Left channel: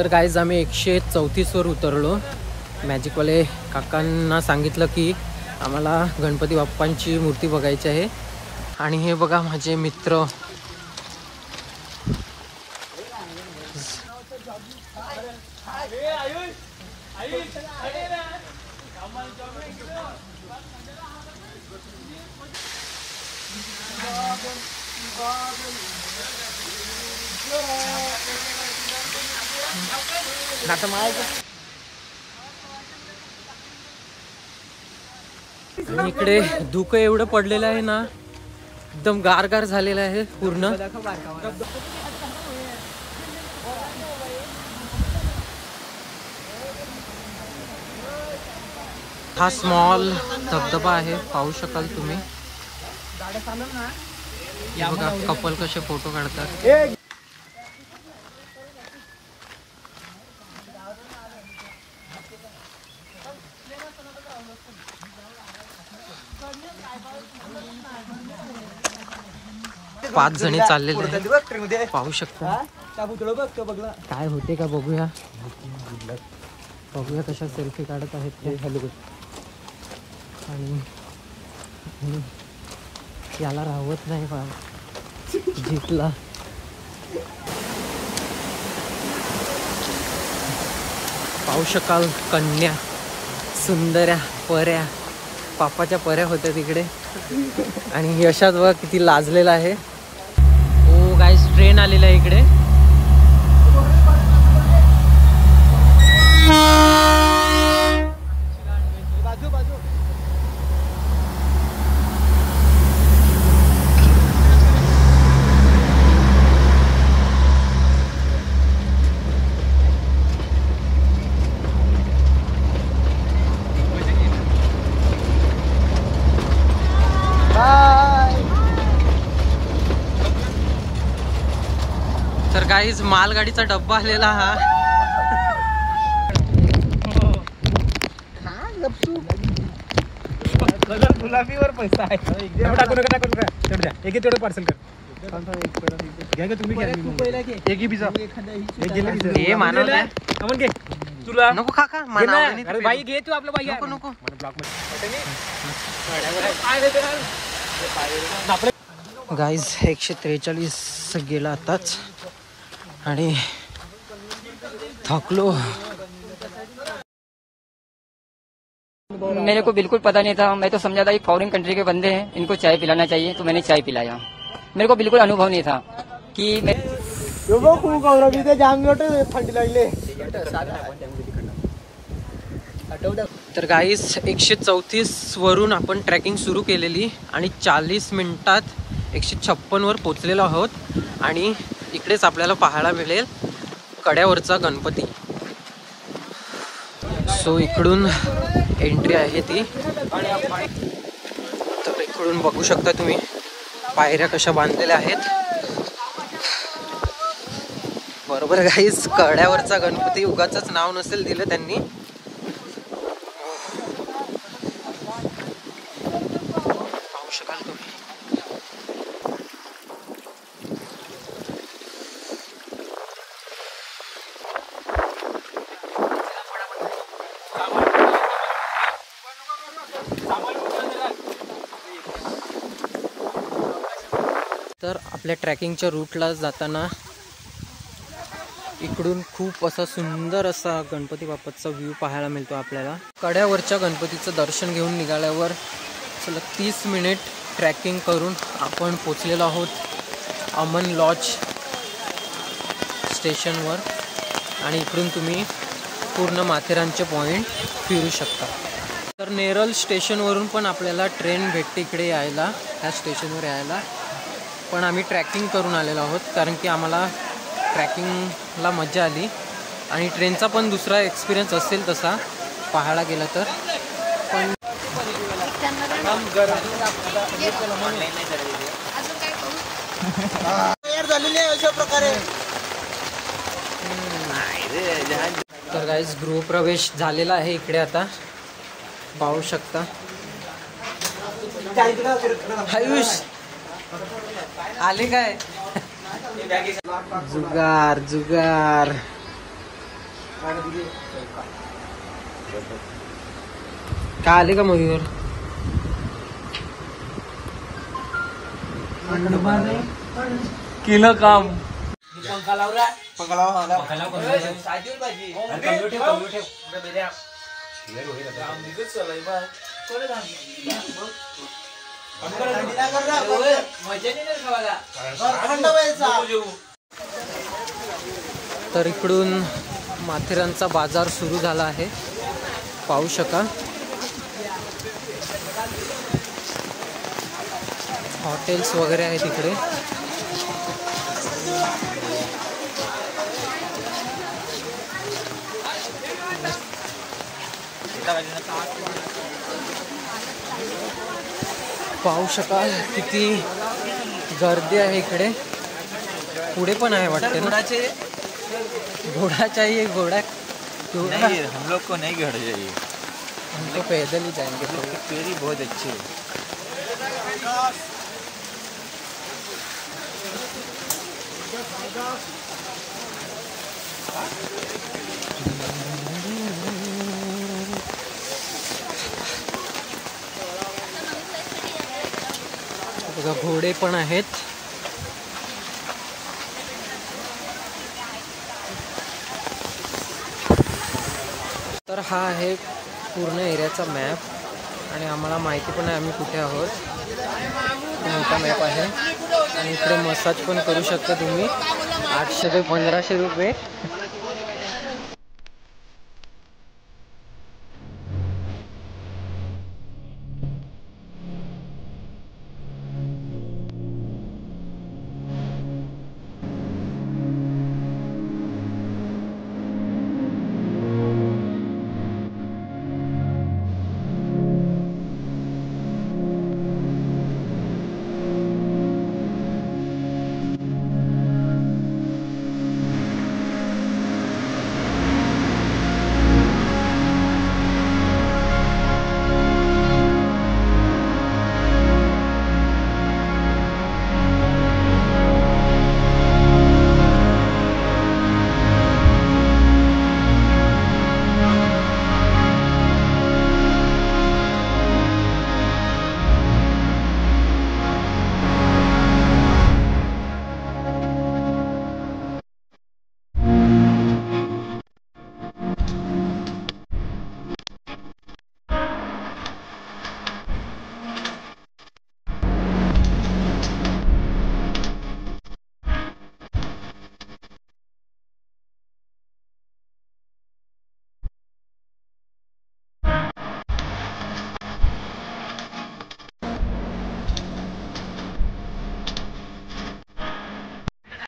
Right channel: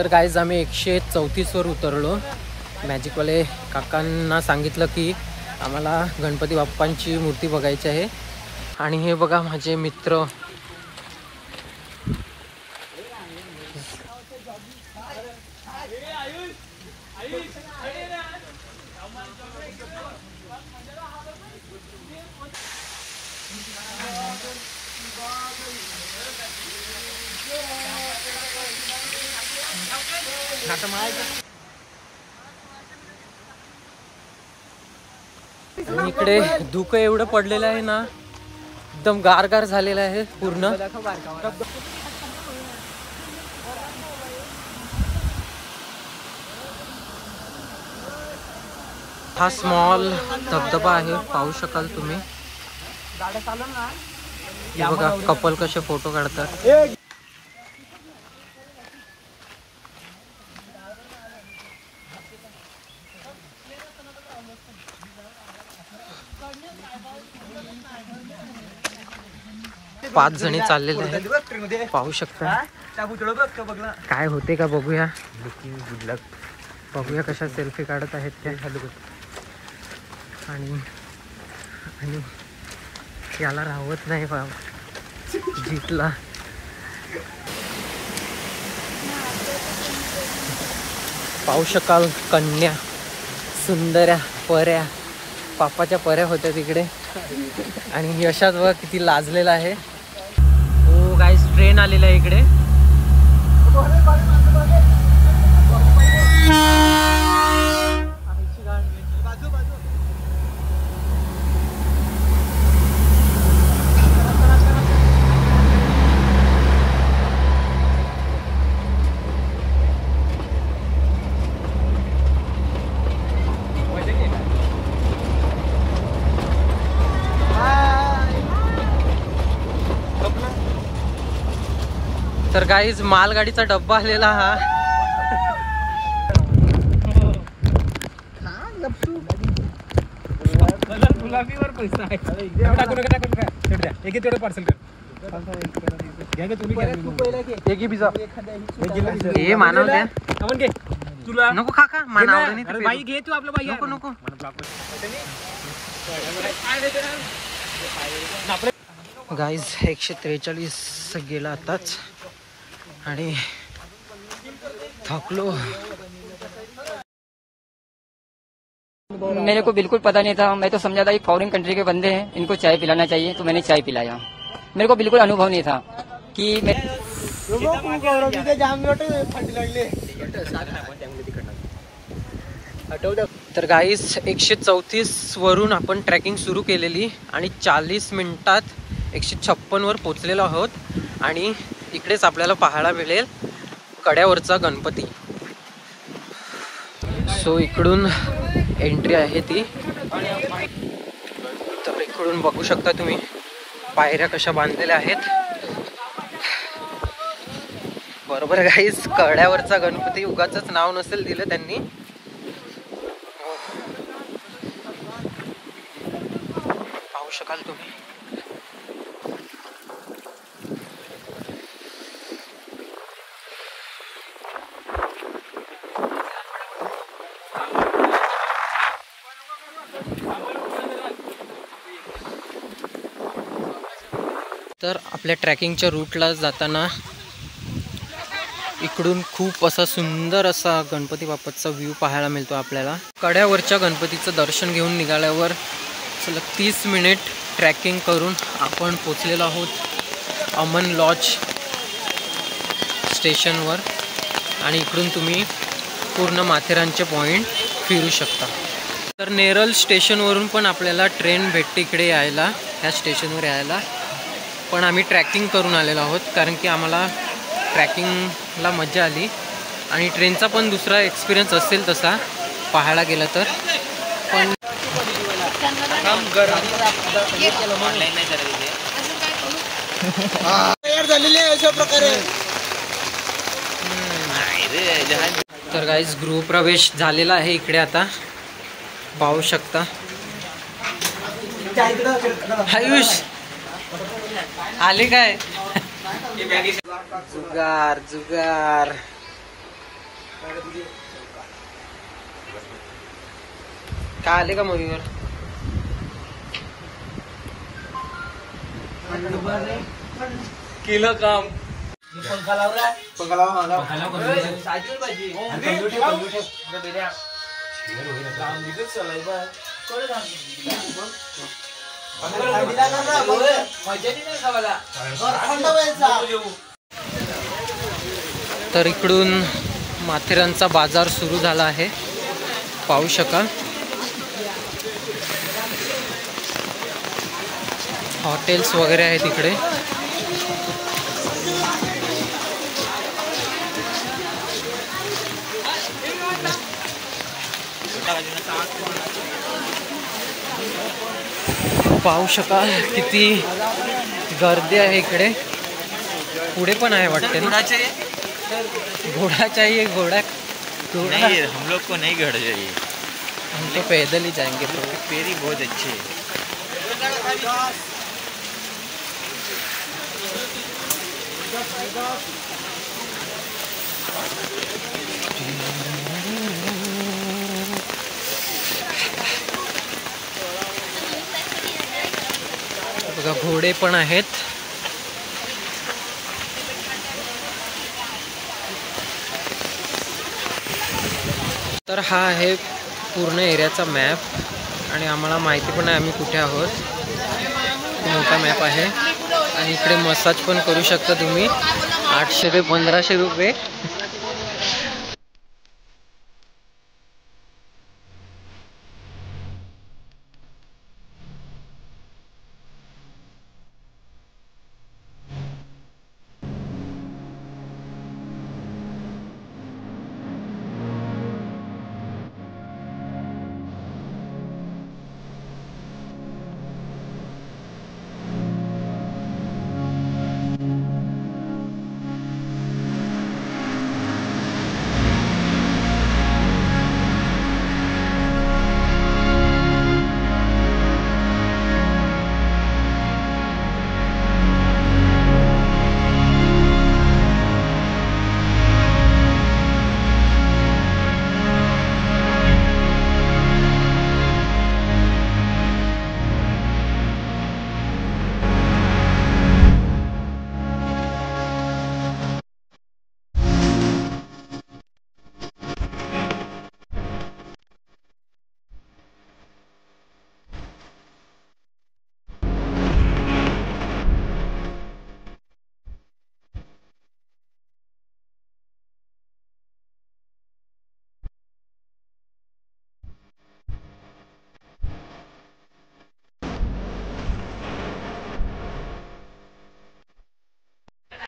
तर गाईज आम्ही 134 वर उतरलो. मॅजिकवाले काकांना सांगितलं की आम्हाला गणपती बाप्पांची मूर्ती बघायची आहे. आणि हे बघा माझे मित्र इकडे धुकं एवढं पडलेलं आहे ना, एकदम गारगार झालेलं आहे पूर्ण. हा स्मॉल धबधबा आहे, पाहू शकाल तुम्ही. हे बघा कपल कसे फोटो काढतात. पाच जणी चाललेले आहेत, पाहू शकता. काय होते का बघूया. बघूया कशा सेल्फी काढत आहेत त्या. आणि याला राहत नाही जीतला. पाहू शकाल कन्या, सुंदऱ्या पऱ्या, पापाच्या पऱ्या होत्या तिकडे. आणि यशात बघा किती लाजलेला आहे. हो गाईस, ट्रेन आलेला आहे इकडे. तर गाईज मालगाडीचा डब्बा आलेला हा. गुलाबीवर पैसा आहे. तेवढं पार्सल कर. हे मानव द्या तुला नको काका. बाई घे तू आपलं. बाई नको नको. गाईज 143 गेला आताच आणि थकलो. मेरे को बिल्कुल पता नहीं था. मैं तो समझा था ये फॉरेन कंट्री के बंदे हैं, इनको चाय पिलाना चाहिए, तो मैंने चाय पिलाया. मेरे को बिल्कुल अनुभव नहीं था कि मैं. तर गाईस 134 वरून आपण ट्रॅकिंग सुरू केलेली आणि 40 मिनिटात 156 वर पोहोचलेलो आहोत. आणि इकडेच आपल्याला पाहायला मिळेल कड्यावरचा गणपती. सो इकडून एंट्री आहे ती. तर इकडून बघू शकता तुम्ही पायऱ्या कशा बांधलेल्या आहेत. बरोबर गाईस, कड्यावरचा गणपती. उगाचच नाव नसेल दिलं त्यांनी. पाहू शकाल तुम्ही. तर आपल्या ट्रॅकिंगच्या रूटला जाताना इकडून खूप असा सुंदर असा गणपती बाप्पाचा व्ह्यू पाहायला मिळतो आपल्याला. कड्यावरच्या गणपतीचं दर्शन घेऊन निघाल्यावर सलग 30 मिनिट ट्रॅकिंग करून आपण पोचलेलो आहोत अमन लॉज स्टेशनवर. आणि इकडून तुम्ही पूर्ण माथेरानचे पॉईंट फिरू शकता. तर नेरळ स्टेशनवरून पण आपल्याला ट्रेन भेटते इकडे यायला, ह्या स्टेशनवर यायला. पण आम्ही ट्रॅकिंग करून आलेलो आहोत कारण की आम्हाला ट्रॅकिंगला मजा आली. आणि ट्रेनचा पण दुसरा एक्सपिरियन्स असेल तसा पाहायला गेलं तर. पण तर गाईज गृहप्रवेश झालेला आहे इकडे आता, पाहू शकता. आयुष आले काय? जुगार जुगार. काय आले का मयूर? केलं काम. तर इकडून माथेरानचा बाजार सुरू झाला आहे, पाहू शकाल. हॉटेल्स वगैरे आहेत इकडे. पाहू शकाल किती गर्दी आहे इकडे. पुढे पण आहे वाटते ना. घोड़ा चाहिए, घोड़ा नहीं, हम लोग को नहीं घोड़ा चाहिए, हम तो पैदल ही जाएंगे. तो पेरी बहुत अच्छी है. बघा घोडे पण आहेत. तर हा आहे पूर्ण एरियाचा मॅप आणि आम्हाला माहिती पण आहे आम्ही कुठे आहोत. मोठा मॅप आहे आणि इकडे मसाज पण करू शकता तुम्ही. 800 ते 1500 रुपये